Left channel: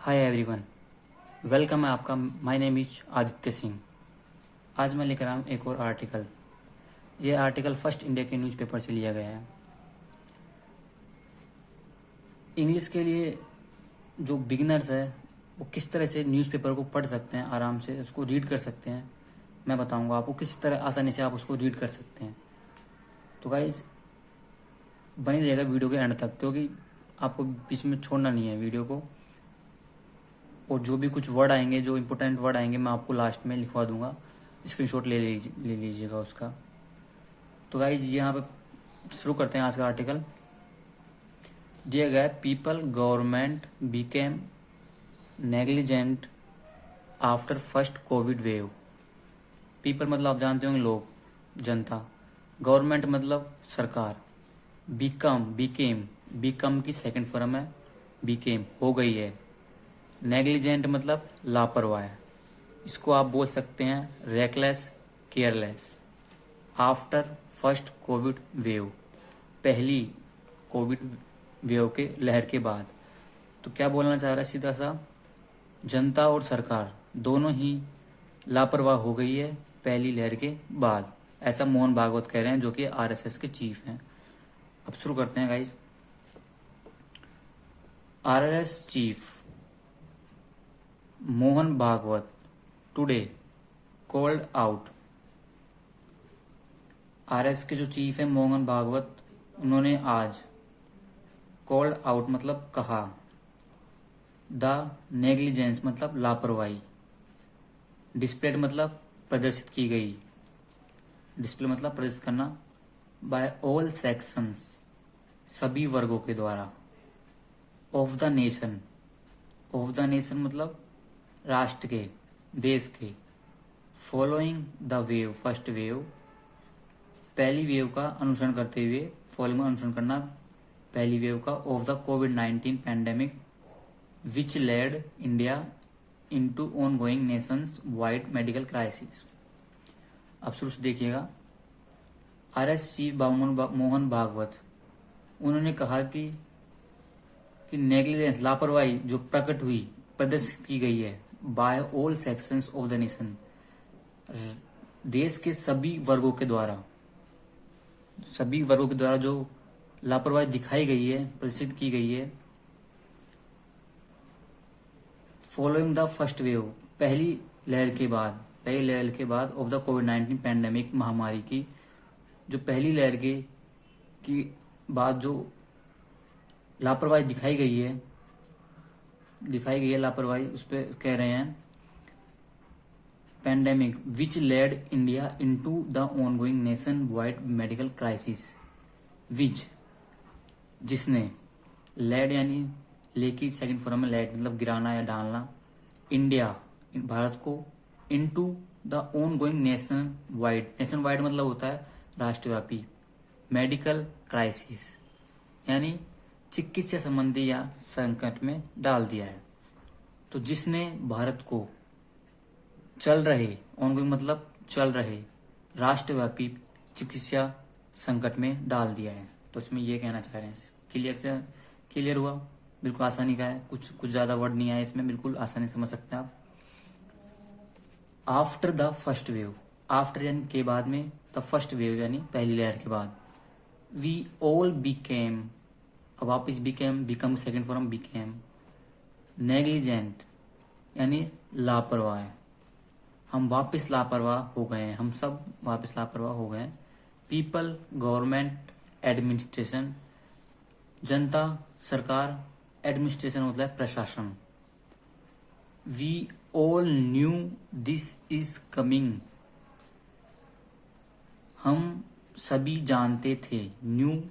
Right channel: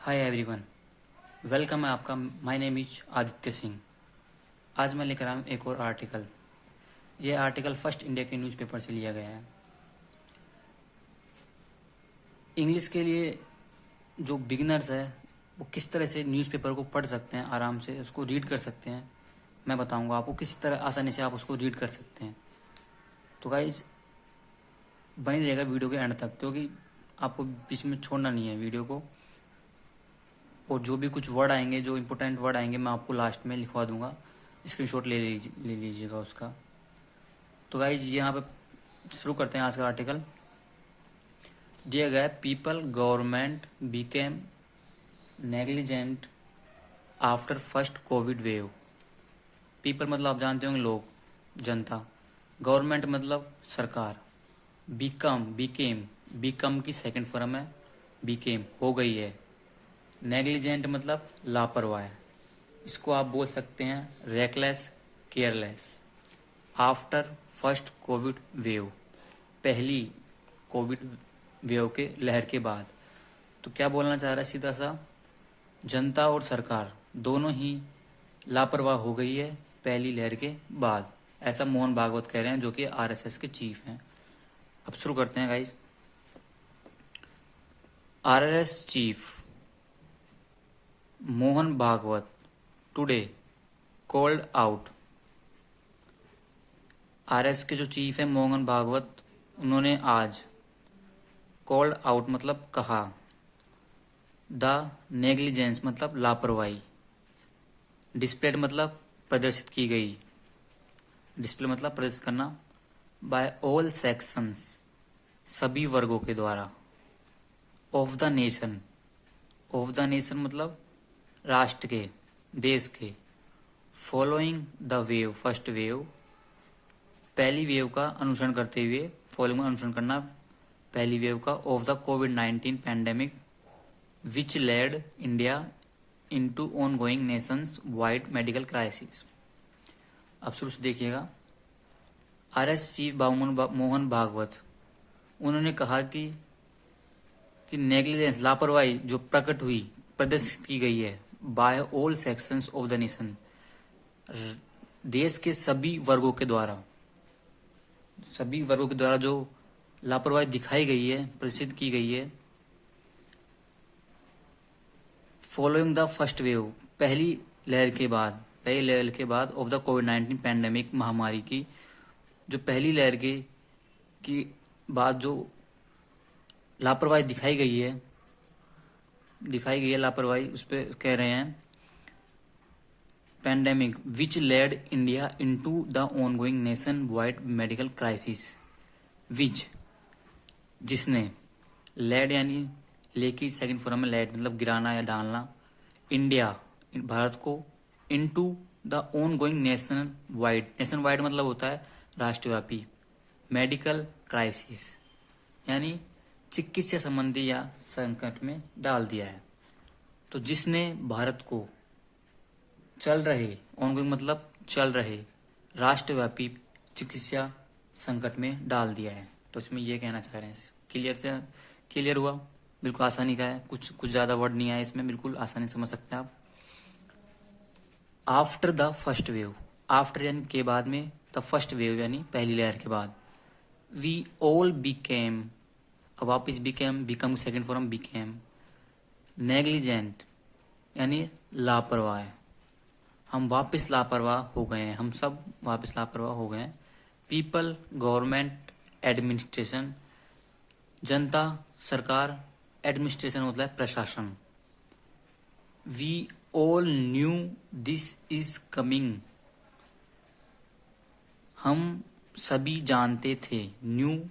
Hi everyone, welcome है आपका। My name is Aditya Singh. आज मैं लेकर आया हूँ एक और आर्टिकल। ये आर्टिकल फर्स्ट इंडिया के न्यूज़पेपर से लिया गया है। इंग्लिश के लिए जो बिगिनर्स है वो किस तरह से न्यूज़पेपर को पढ़ सकते हैं, आराम से उसको रीड कर सकते हैं, मैं बताऊंगा आपको किस तरह आसानी से आप उसको रीड कर सकते हैं। तो गाइज बनी रहेगा वीडियो के एंड तक, क्योंकि आपको बीच में छोड़ना नहीं है वीडियो को। और जो भी कुछ वर्ड आएंगे, जो इंपॉर्टेंट वर्ड आएंगे, मैं आपको लास्ट में लिखवा दूंगा। स्क्रीनशॉट ले लीजिएगा उसका। तो गाइज यहाँ पे शुरू करते हैं आज का आर्टिकल। दिया गया है, people government became negligent after first Covid wave. People मतलब आप जानते होंगे लोग, जनता। गवर्नमेंट मतलब सरकार। बिकम की सेकंड फॉर्म है बिकेम, हो गई है। नेग्लिजेंट मतलब लापरवाह। इसको आप बोल सकते हैं reckless, careless. After first Covid wave, पहली कोविड वेव के लहर के बाद। तो क्या बोलना चाह रहा है सीधा सा, जनता और सरकार दोनों ही लापरवाह हो गई है पहली लहर के बाद। ऐसा मोहन भागवत कह रहे हैं, जो कि आरएसएस के चीफ हैं। अब शुरू करते हैं guys. RSS chief Mohan Bhagwat today called out. RS के जो चीफ है मोहन भागवत, उन्होंने आज कॉल्ड आउट मतलब कहा, द नेग्लिजेंस मतलब लापरवाही, डिस्प्लेड मतलब प्रदर्शित की गई, डिस्प्ले मतलब प्रदर्शित करना, बाय ऑल सेक्शंस सभी वर्गों के द्वारा, ऑफ द नेशन मतलब राष्ट्र के, देश के, following the wave first wave, पहली वेव का अनुसरण करते हुए, फॉलोइंग अनुसरण करना पहली वेव का, of the covid pandemic which led India into ongoing Nations wide medical crisis. अब शुरू से देखिएगा। आरएस चीफ मोहन भागवत, उन्होंने कहा कि नेग्लिजेंस लापरवाही जो प्रकट हुई, प्रदर्शित की गई है, by all sections of the nation, देश के सभी वर्गों के द्वारा जो लापरवाही दिखाई गई है, प्रदर्शित की गई है, फॉलोइंग द फर्स्ट वेव पहली लहर के बाद ऑफ द कोविड-19 पैंडेमिक महामारी की, जो पहली लहर की बाद जो लापरवाही दिखाई गई है लापरवाही, उस पर कह रहे हैं pandemic which led India into the ongoing nationwide medical crisis, which जिसने, लेड यानी लेकी सेकंड फॉर्म में लेड मतलब गिराना या डालना, इंडिया भारत को, into the ongoing nation wide मतलब होता है राष्ट्रव्यापी, मेडिकल क्राइसिस यानी चिकित्सा संबंधी या संकट में डाल दिया है। तो जिसने भारत को चल रहे, ऑनगोइंग मतलब चल रहे, राष्ट्रव्यापी चिकित्सा संकट में डाल दिया है। तो इसमें ये कहना चाह रहे हैं। क्लियर हुआ? बिल्कुल आसानी का है, कुछ ज्यादा वर्ड नहीं आया इसमें, बिल्कुल आसानी समझ सकते हैं आप। After the first wave, after यानी के बाद में, द फर्स्ट वेव यानी पहली लहर के बाद, वी ऑल बिकेम, वापिस become second form became, negligent यानी लापरवाह, हम वापस लापरवाह हो गए हैं, हम सब वापस लापरवाह हो गए हैं। पीपल गवर्नमेंट एडमिनिस्ट्रेशन, जनता सरकार, एडमिनिस्ट्रेशन होता है प्रशासन। We all knew this is coming, हम सभी जानते थे, न्यू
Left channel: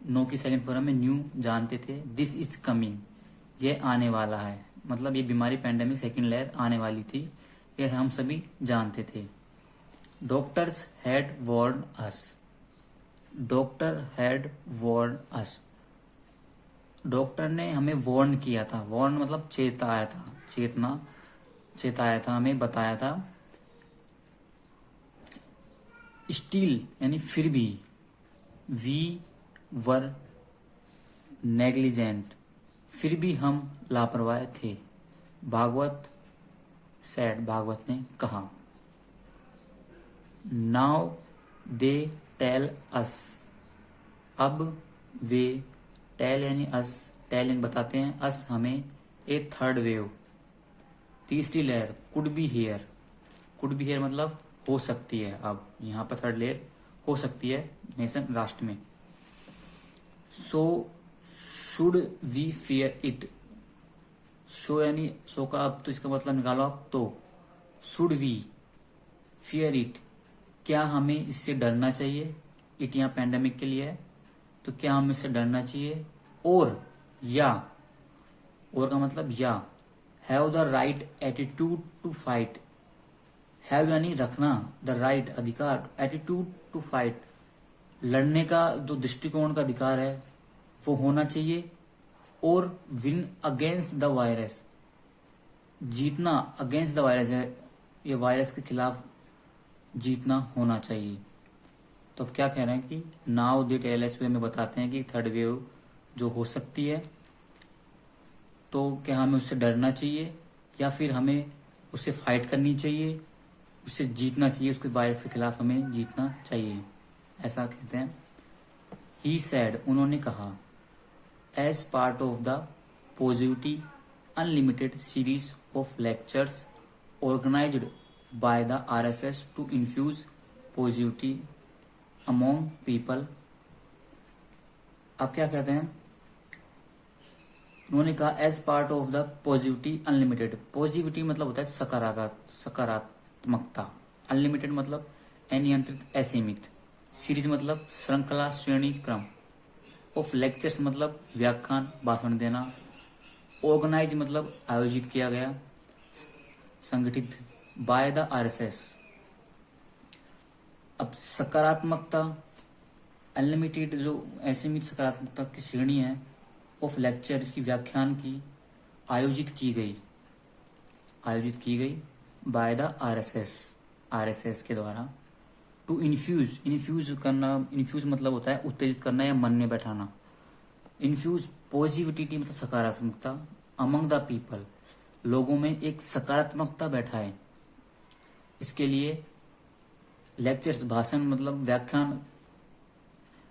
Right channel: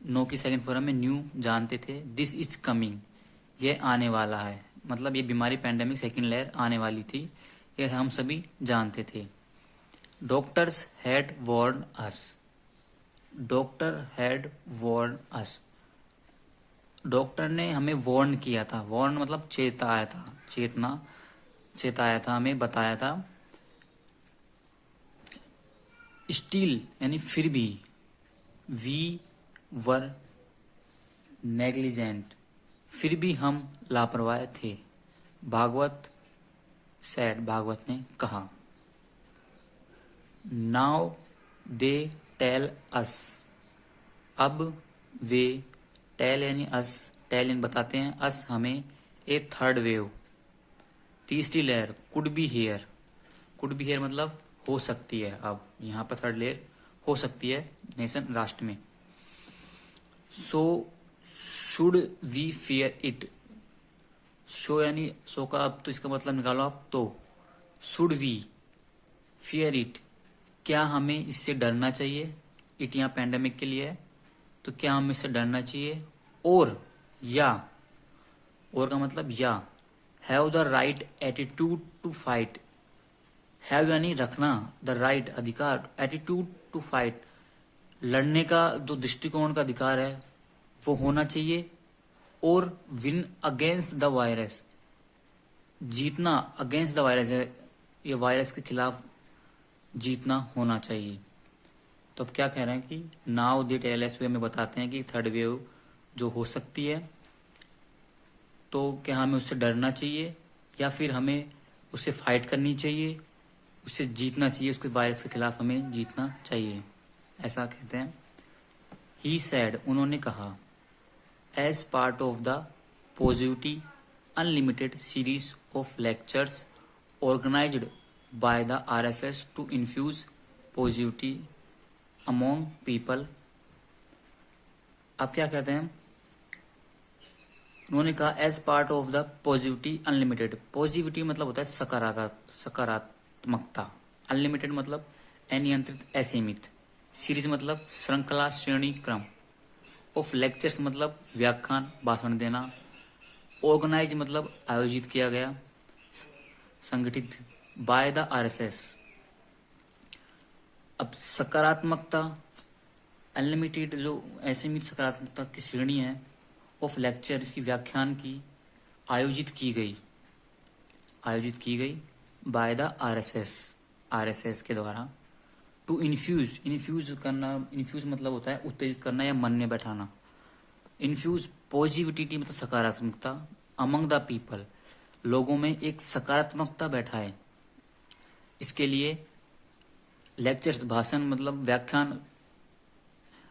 नो की सेकंड फॉर्म में न्यू जानते थे, दिस इज कमिंग ये आने वाला है, मतलब ये बीमारी पैंडेमिक सेकंड लहर आने वाली थी, ये हम सभी जानते थे। Doctors had warn us, doctor ने हमें वार्न किया था, वार्न मतलब चेताया था, हमें बताया था। स्टिल यानी फिर भी, वी वर नेग्लिजेंट फिर भी हम लापरवाह थे। भागवत सैड, भागवत ने कहा। नाउ दे टेल अस, अब वे, टेल यानी अस, टेलिंग बताते हैं, अस हमें, ए थर्ड वेव, तीसरी लहर, could be here, could be here मतलब हो सकती है, अब यहाँ पर थर्ड लहर हो सकती है नेशन राष्ट्र में। So should we fear it, so यानी सो का अब तो इसका मतलब निकालो आप, तो शुड वी फियर इट, क्या हमें इससे डरना चाहिए, इट यहाँ पैंडेमिक के लिए है, तो क्या हमें इससे डरना चाहिए, और या, और का मतलब या, have the right attitude to fight, have यानी रखना, द राइट अधिकार, एटीट्यूड टू फाइट लड़ने का जो दृष्टिकोण का अधिकार है वो होना चाहिए, और विन अगेंस्ट द वायरस, जीतना, अगेंस्ट द वायरस है, ये वायरस के खिलाफ जीतना होना चाहिए। तो अब क्या कह रहे हैं कि नाउ दे टेल अस, वे हमें बताते हैं कि थर्ड वेव जो हो सकती है, तो क्या हमें उससे डरना चाहिए या फिर हमें उससे फाइट करनी चाहिए, उससे जीतना चाहिए, उसके वायरस के खिलाफ हमें जीतना चाहिए, ऐसा कहते हैं। ही सैड, उन्होंने कहा, as part of the positivity unlimited series of lectures organised by the RSS to infuse positivity among people. अब क्या कहते हैं, उन्होंने कहा as part of the positivity unlimited, positivity मतलब होता है सकारात्मकता, अनलिमिटेड मतलब अनियंत्रित असीमित, सीरीज मतलब श्रृंखला श्रेणी क्रम, ऑफ लेक्चर्स मतलब व्याख्यान भाषण देना, ऑर्गेनाइज मतलब आयोजित किया गया, संगठित, बाय द आरएसएस। अब सकारात्मकता अनलिमिटेड जो असीमित सकारात्मकता की श्रेणी है, ऑफ लेक्चर इसकी व्याख्यान की, आयोजित की गई बाय द आरएसएस के द्वारा, टू इन्फ्यूज करना, इन्फ्यूज मतलब होता है उत्तेजित करना या मन में बैठाना, इन्फ्यूज पॉजिटिविटी मतलब सकारात्मकता, अमंग द पीपल लोगों में एक सकारात्मकता बैठाए, इसके लिए लेक्चर्स भाषण मतलब व्याख्यान,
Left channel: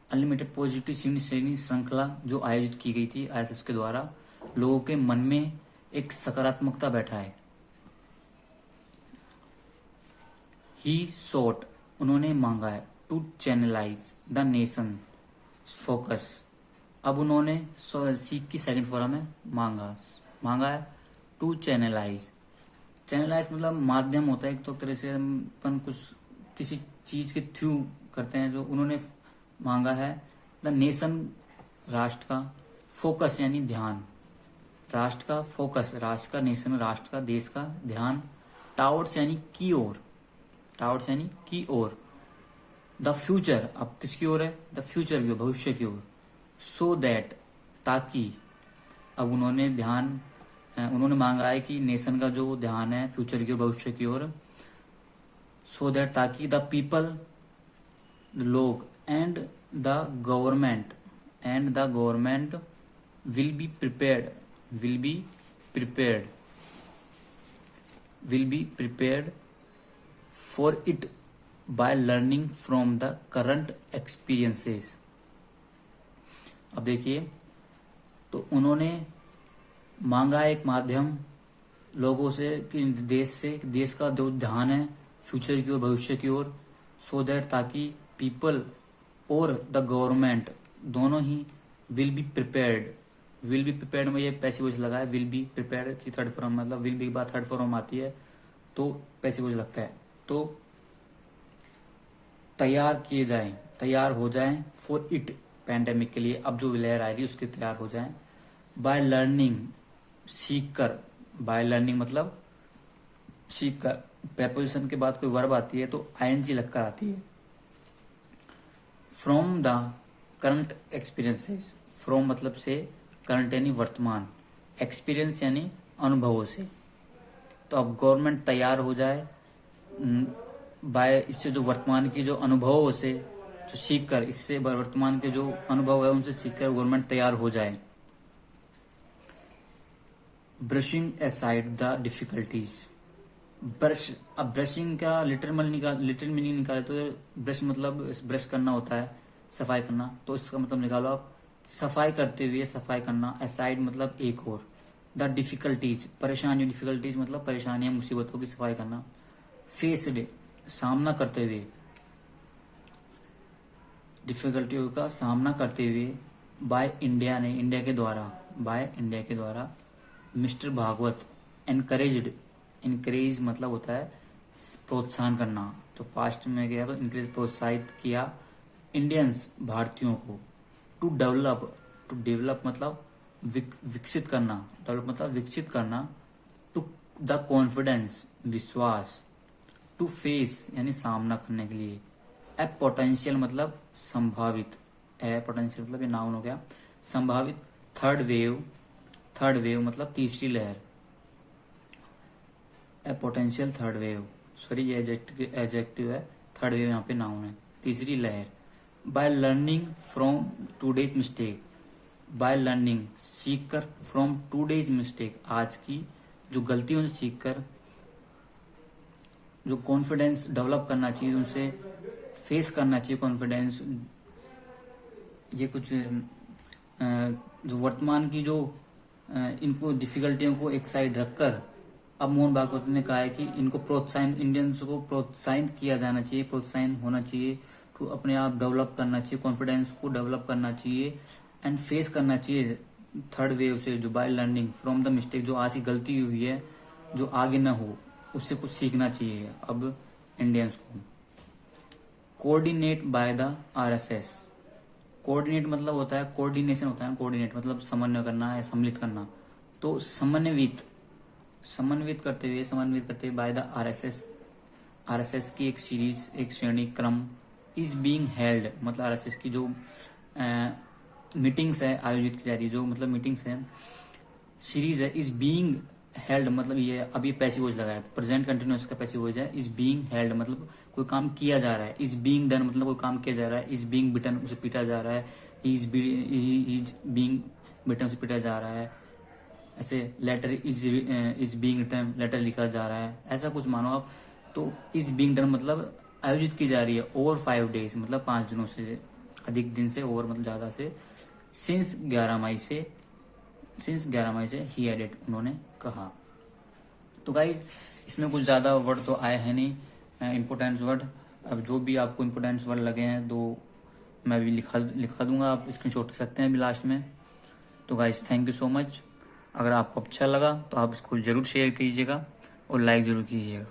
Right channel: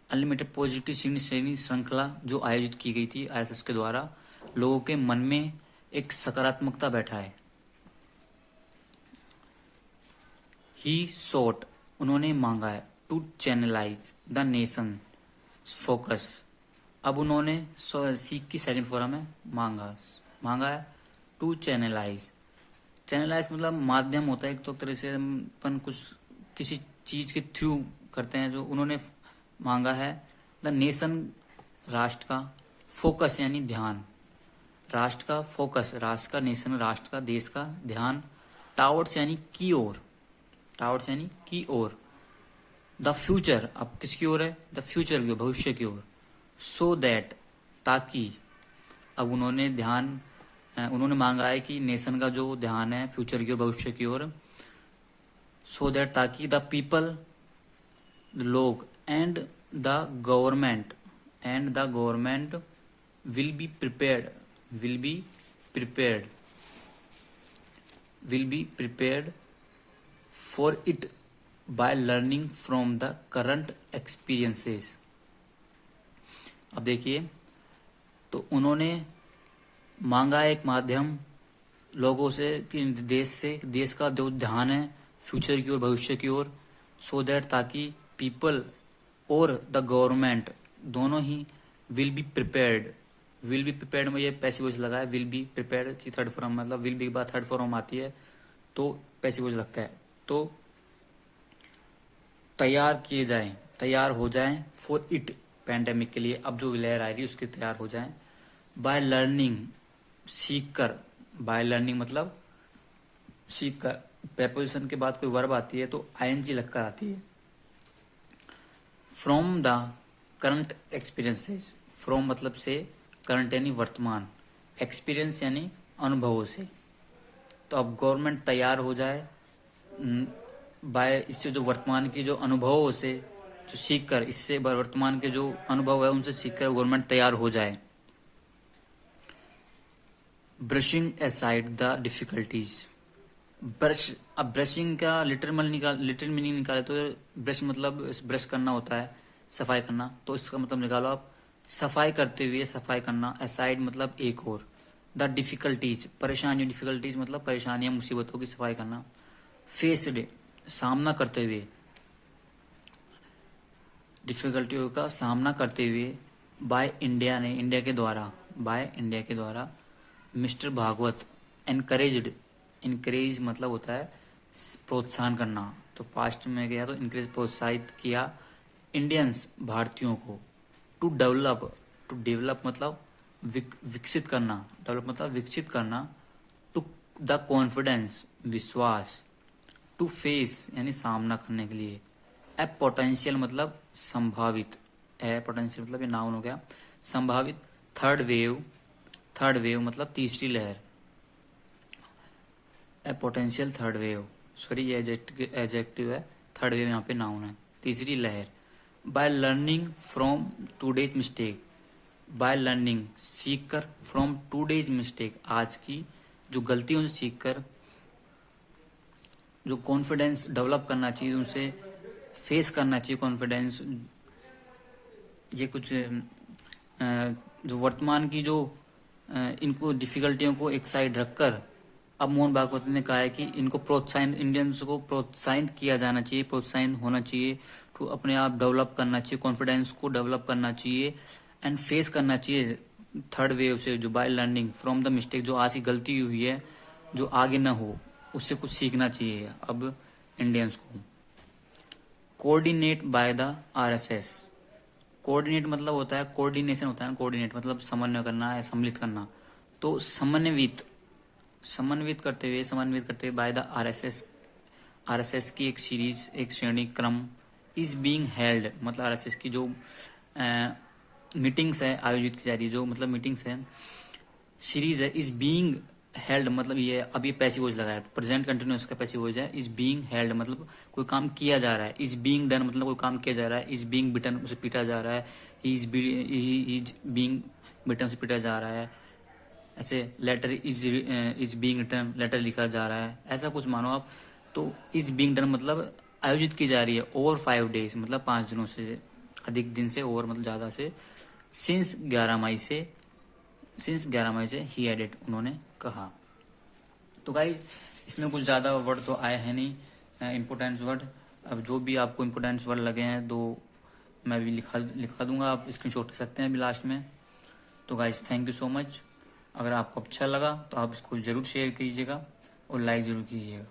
अनलिमिटेड पॉजिटिव श्रेणी श्रृंखला जो आयोजित की गई थी आरएसएस के द्वारा, लोगों के मन में एक सकारात्मकता बैठा है। ही सोट, उन्होंने मांगा है, to channelise the nation focus, अब उन्होंने सीख की सेकंड फॉर्म है मांगा है, टू चैनलाइज मतलब माध्यम होता है, एक तो तरह से अपन कुछ किसी चीज के थ्रू करते हैं, जो उन्होंने मांगा है, द नेशन राष्ट्र का, फोकस यानी ध्यान, राष्ट्र का फोकस, राष्ट्र का, नेशन राष्ट्र का, देश का ध्यान, टावर्ड्स यानी की ओर, टावर्ड्स यानी की ओर, द फ्यूचर, अब किसकी ओर है, द फ्यूचर की, भविष्य की ओर, सो दैट ताकि, अब उन्होंने ध्यान, उन्होंने मांगा है कि नेशन का जो ध्यान है फ्यूचर की ओर, भविष्य की ओर, सो दैट ताकि, द पीपल लोग, and the government will be prepared for it by learning from the current experiences. अब देखिए, तो उन्होंने मांगा एक माध्यम लोगों से कि देश का जो ध्यान है फ्यूचर की ओर, भविष्य की ओर, सो दैट ताकि पीपल और द गवर्नमेंट दोनों ही विल बी प्रिपेयर्ड में ये पैसिव वॉइस लगा है, विल बी प्रिपेयर्ड की थर्ड फॉर्म मतलब विल बी बाद थर्ड फॉर्म आती है तो पैसिव वॉइस लगता है, तो तैयार हो जाएं फॉर इट पैंडेमिक के लिए, अब जो लहर आ रही है उसके तैयार हो जाएं, बाय लर्निंग सीख कर, बाय लर्निंग मतलब सीख कर, प्रेपोजिशन के बाद कोई वर्ब आती है तो आईएनजी लगकर आती है, from the current experiences, from मतलब से, करंट यानी वर्तमान, एक्सपीरियंस यानी अनुभवों से, तो अब गवर्नमेंट तैयार हो जाए बाय, इससे जो वर्तमान की जो अनुभवों से जो सीख कर, इससे वर्तमान के जो अनुभव है उनसे सीखकर गवर्नमेंट तैयार हो जाए, brushing aside the difficulties. Brush, अब ब्रशिंग का लिटरल मीनिंग निकाले तो ब्रश मतलब ब्रश करना होता है, सफाई करना, तो इसका मतलब निकालो आप सफाई करते हुए, सफाई करना। असाइड मतलब एक और। द डिफिकल्टीज परेशानी, डिफिकल्टीज मतलब परेशानियां, मुसीबतों की सफाई करना। फेस्ड सामना करते हुए, डिफिकल्टियों का सामना करते हुए। बाय इंडिया ने, इंडिया के द्वारा, बाय इंडिया के द्वारा। मिस्टर भागवत एनकरेज्ड, इनकरेज मतलब होता है प्रोत्साहन करना, तो पास्ट में गया तो इनकरेज प्रोत्साहित किया इंडियंस भारतीयों को। टू डेवलप, टू डेवलप मतलब विकसित करना, डेवलप मतलब विकसित करना। टू द कॉन्फिडेंस विश्वास। टू फेस यानी सामना करने के लिए। ए पोटेंशियल मतलब संभावित, ए पोटेंशियल मतलब ये नाउन हो गया, संभावित। थर्ड वेव, थर्ड वेव मतलब तीसरी लहर। ए पोटेंशियल थर्ड वेव, सॉरी ये एडजेक्टिव है, थर्ड वेव यहाँ पे नाउन है, तीसरी लहर। By learning from today's mistake, by learning सीख कर, फ्रॉम टूडेज मिस्टेक आज की जो गलतियों से सीख कर, जो कॉन्फिडेंस डेवलप करना चाहिए, उनसे फेस करना चाहिए कॉन्फिडेंस। ये कुछ जो वर्तमान की जो इनको डिफिकल्टियों को एक साइड रखकर अब मोहन भागवत ने कहा है कि इनको प्रोत्साहन, इंडियंस को प्रोत्साहित किया जाना चाहिए, प्रोत्साहन होना चाहिए, तो अपने आप डेवलप करना चाहिए, कॉन्फिडेंस को डेवलप करना चाहिए एंड फेस करना चाहिए थर्ड वेव से, जो by learning from the mistake, जो आज की गलती हुई है जो आगे ना हो, उससे कुछ सीखना चाहिए अब इंडियंस को। Coordinate bye the RSS, coordinate मतलब होता है कोऑर्डिनेशन होता है, कोऑर्डिनेट मतलब समन्वय करना है, सम्मिलित करना, तो समन्वित, समन्वित करते हुए, समन्वित करते हुए बाय द आरएसएस, आरएसएस की एक सीरीज, एक श्रेणी क्रम। इज बीइंग हेल्ड मतलब आरएसएस की जो मीटिंग्स है आयोजित की जा रही है, जो मतलब मीटिंग्स है, सीरीज है। इज बीइंग हेल्ड मतलब ये अब ये पैसिव वॉइस लगा है, प्रेजेंट कंटिन्यूअस का पैसिव वॉइस है। इज बीइंग हेल्ड मतलब कोई काम किया जा रहा है। इज बीइंग डन मतलब कोई काम किया जा रहा है। इज बीइंग बिटन उसे पीटा जा रहा है। इज बीइंग बिटन से पीटा जा रहा है। ऐसे letter is being written, letter लिखा जा रहा है, ऐसा कुछ मानो आप। तो इज बीइंग डन मतलब आयोजित की जा रही है ओवर 5 डेज मतलब 5 दिनों से अधिक दिन से, ओवर मतलब ज्यादा से। सिंस 11 मई से, सिंस 11 मई से ही एडेड उन्होंने कहा। तो गाइस इसमें कुछ ज़्यादा वर्ड तो आए हैं नहीं, इम्पोर्टेंट वर्ड। अब जो भी आपको इम्पोर्टेंट वर्ड लगे हैं तो मैं भी लिखा दूंगा, आप स्क्रीनशॉट ले सकते हैं अभी लास्ट में। तो guys thank you so much. अगर आपको अच्छा लगा तो आप इसको ज़रूर शेयर कीजिएगा और लाइक ज़रूर कीजिएगा।